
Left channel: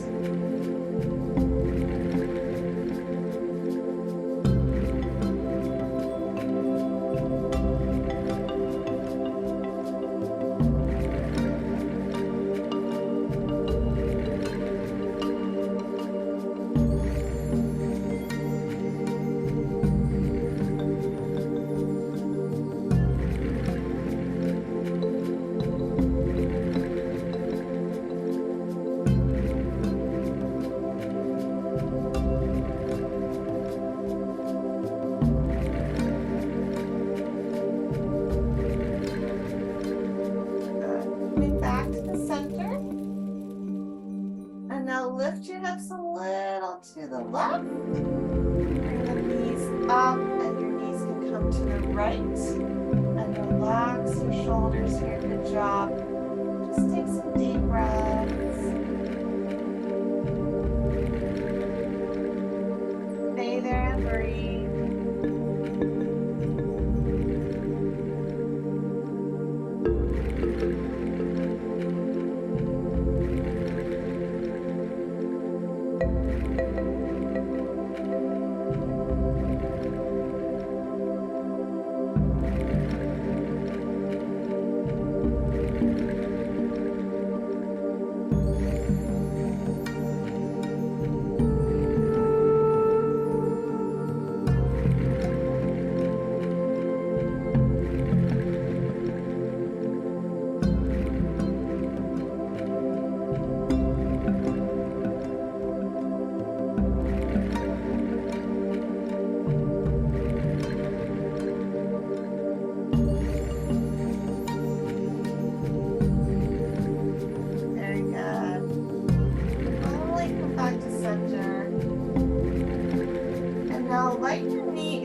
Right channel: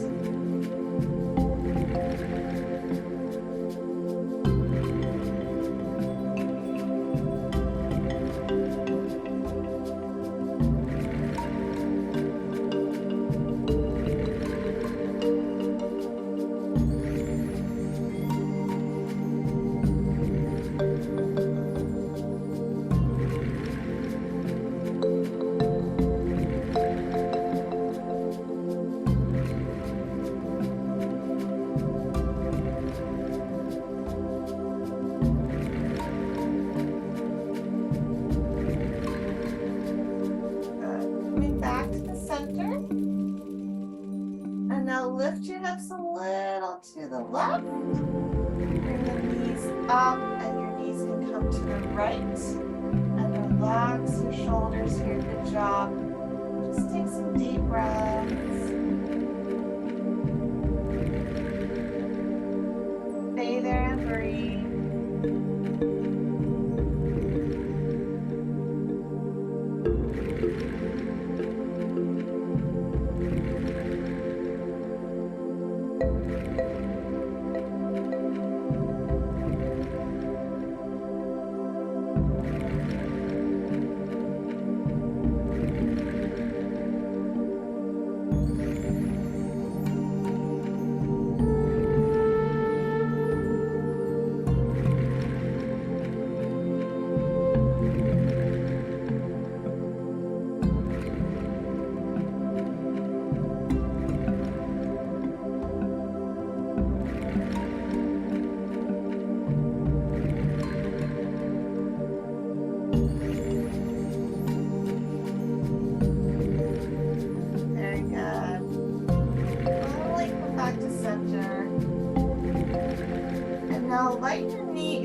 to the left. Bring the knees up and your knees can come to the right. And relax your shoulders here. Good job. Just take some deep breaths. Stay there and breathe.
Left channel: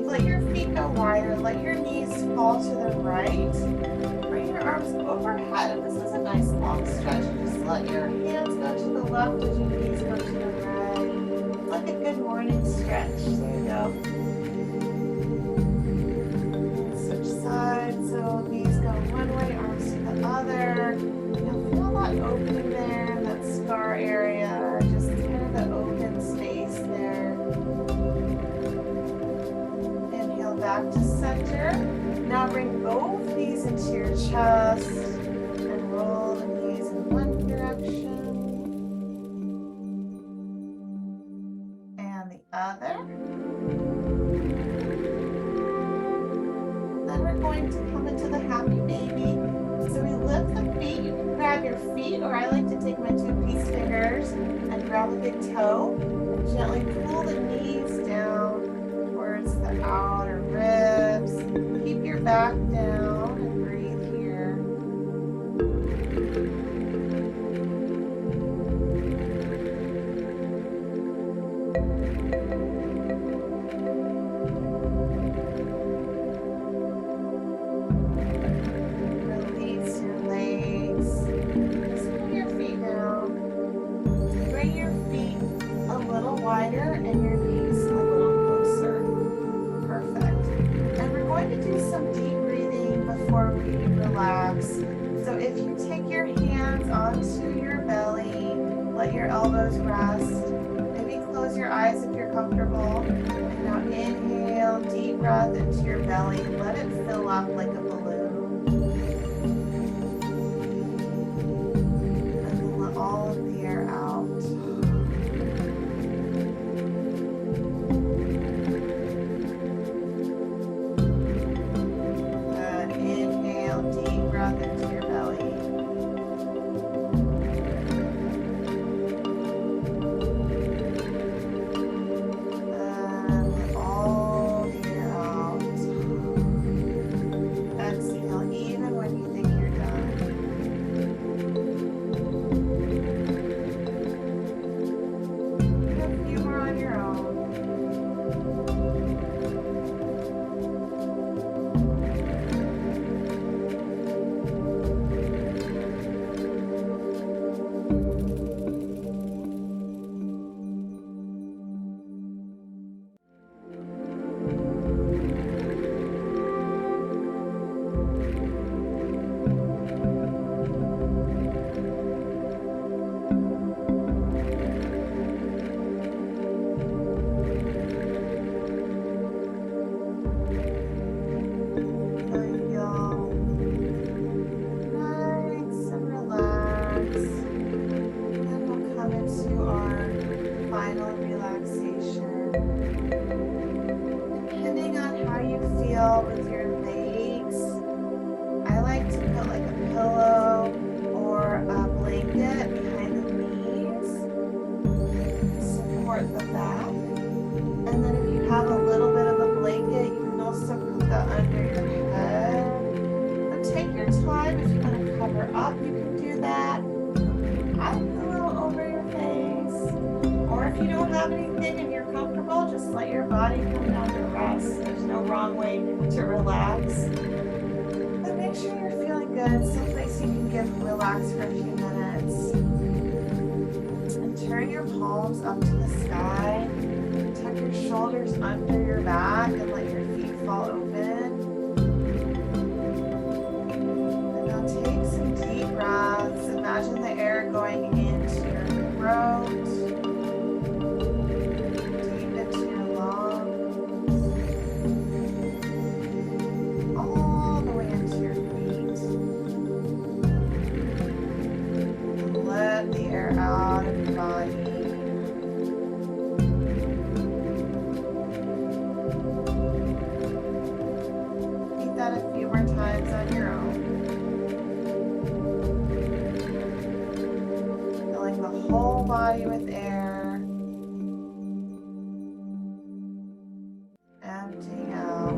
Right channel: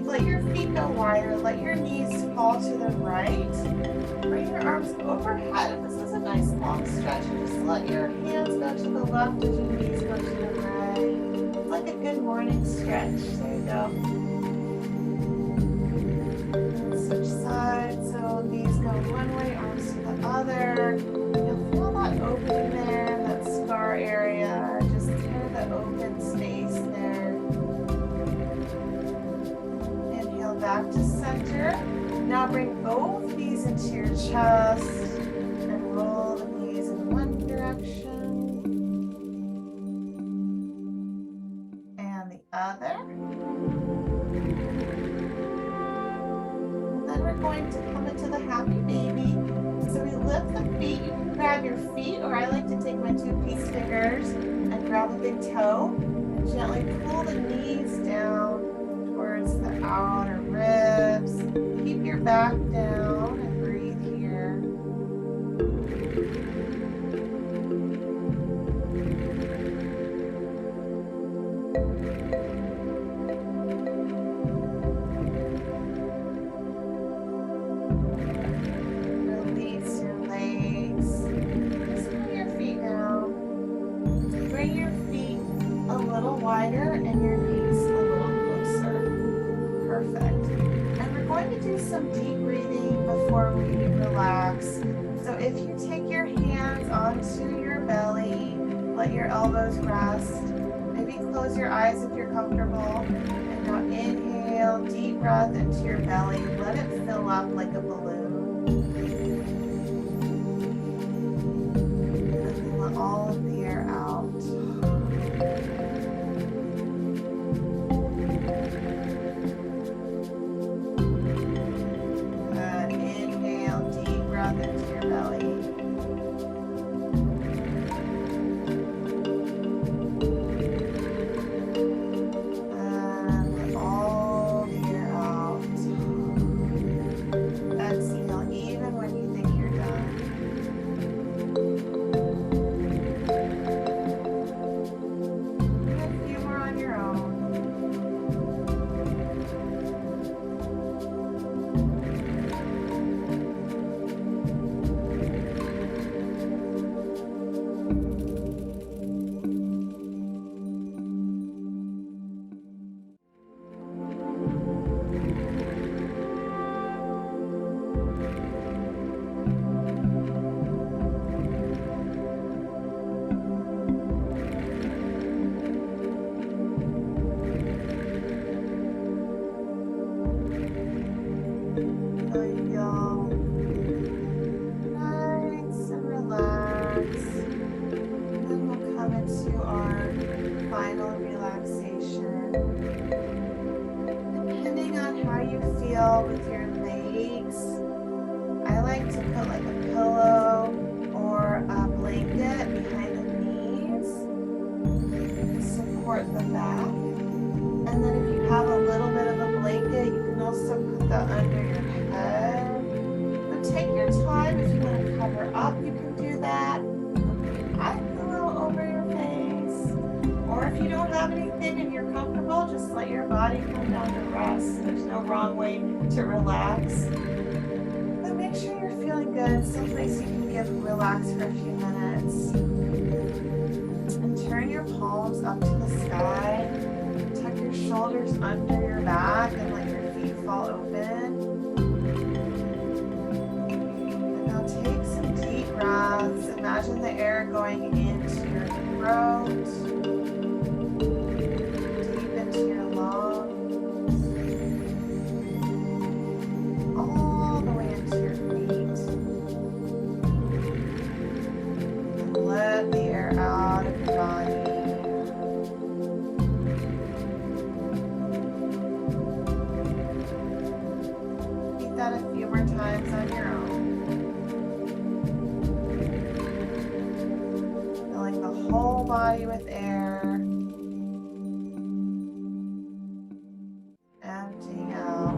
Let your feet go wider. Let your knees fall to the right. Bring your arms overhead. And this is a nice long stretch. And just let your hands go to the left as your knees go to the right. It's like a good morning stretch. There you go. And switch sides. So knees go one way, arms to the other. You'll feel that opening there, that scar area. Just kind of the open space there. Back to center. Now bring both knees into your chest and roll the knees in one direction and the other. And then we're going to come into the happy baby. So we lift the feet. You can grab your feet, or I like to take my 2 peace fingers and grab a big toe and gently pull the knees down towards the outer ribs. Keep your back down and breathe here. Release your legs. Just bring your feet down. Bring your feet a little wider and your knees a little closer. Perfect. And we're going to do some deep breathing before we relax. So if you take your hands onto your belly, let your elbows rest. Maybe close your eyes if you're comfortable. And now inhale, deep breath into your belly. Let it fill up like a balloon. And then let all of the air out. Into your belly. And let all the air out. Exhale even when you think you're done. Do a few more on your own. Into our final relaxation. Depending on how you feel with your legs, I like to put like a pillow or a blanket behind the knees to support the back. And then if you have a little bit of a blanket, you can also put that under your head. But take your time. If you want to cover up, you can do that. Eye pillow over your face. Or if you don't have anything, breathing and you're comfortable, just let your body come down to rest. There's no wrong way to relax. But make sure you're feeling good, someplace you can relax for a few minutes. And turn your palms up to the sky. Tuck your shoulders under your back and let your feet fall open. And now take some deep breaths. Imagine the air going into your throat, deep into your lungs, all the way into your feet. And let the air out of your body. That a few more times on your own. Filling the whole body with air. Emptying out.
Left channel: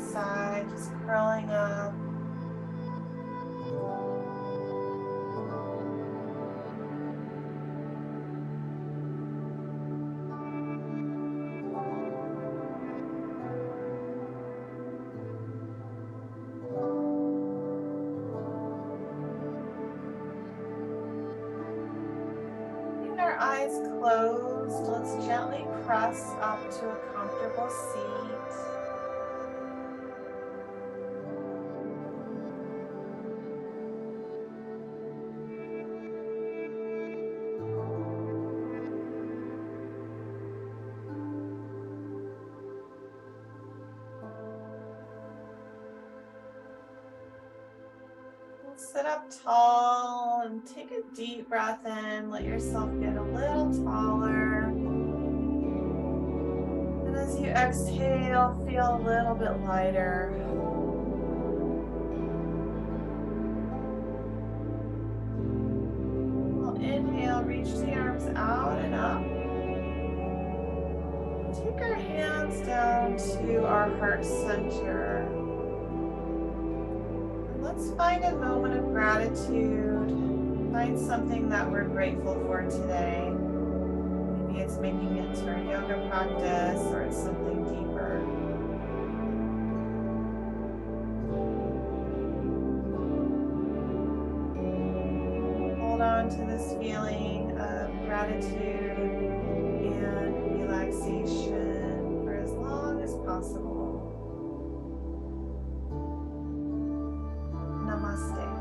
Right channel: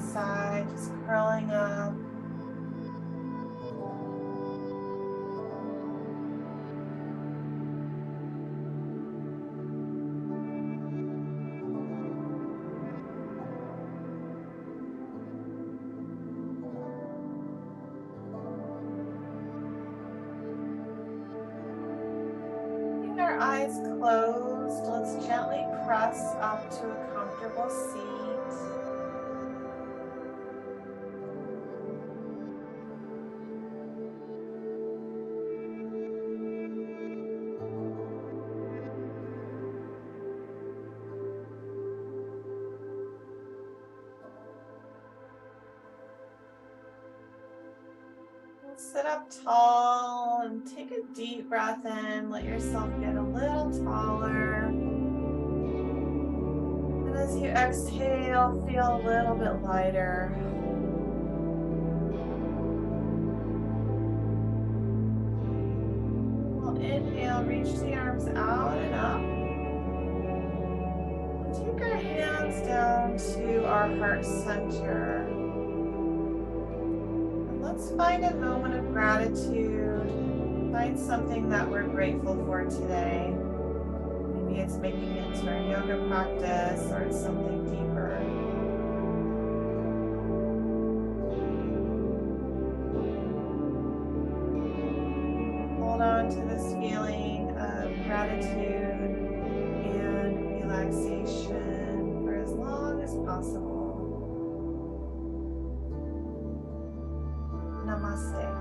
side, just curling up. Our eyes closed, let's gently press up to a comfortable seat. Sit up tall and take a deep breath in. Let yourself get a little taller. And as you exhale, feel a little bit lighter. We'll inhale, reach the arms out and up. And take our hands down to our heart center. Let's find a moment of gratitude. Find something that we're grateful for today. Maybe it's making it to our yoga practice or it's something deeper. Hold on to this feeling of gratitude and relaxation for as long as possible. Namaste.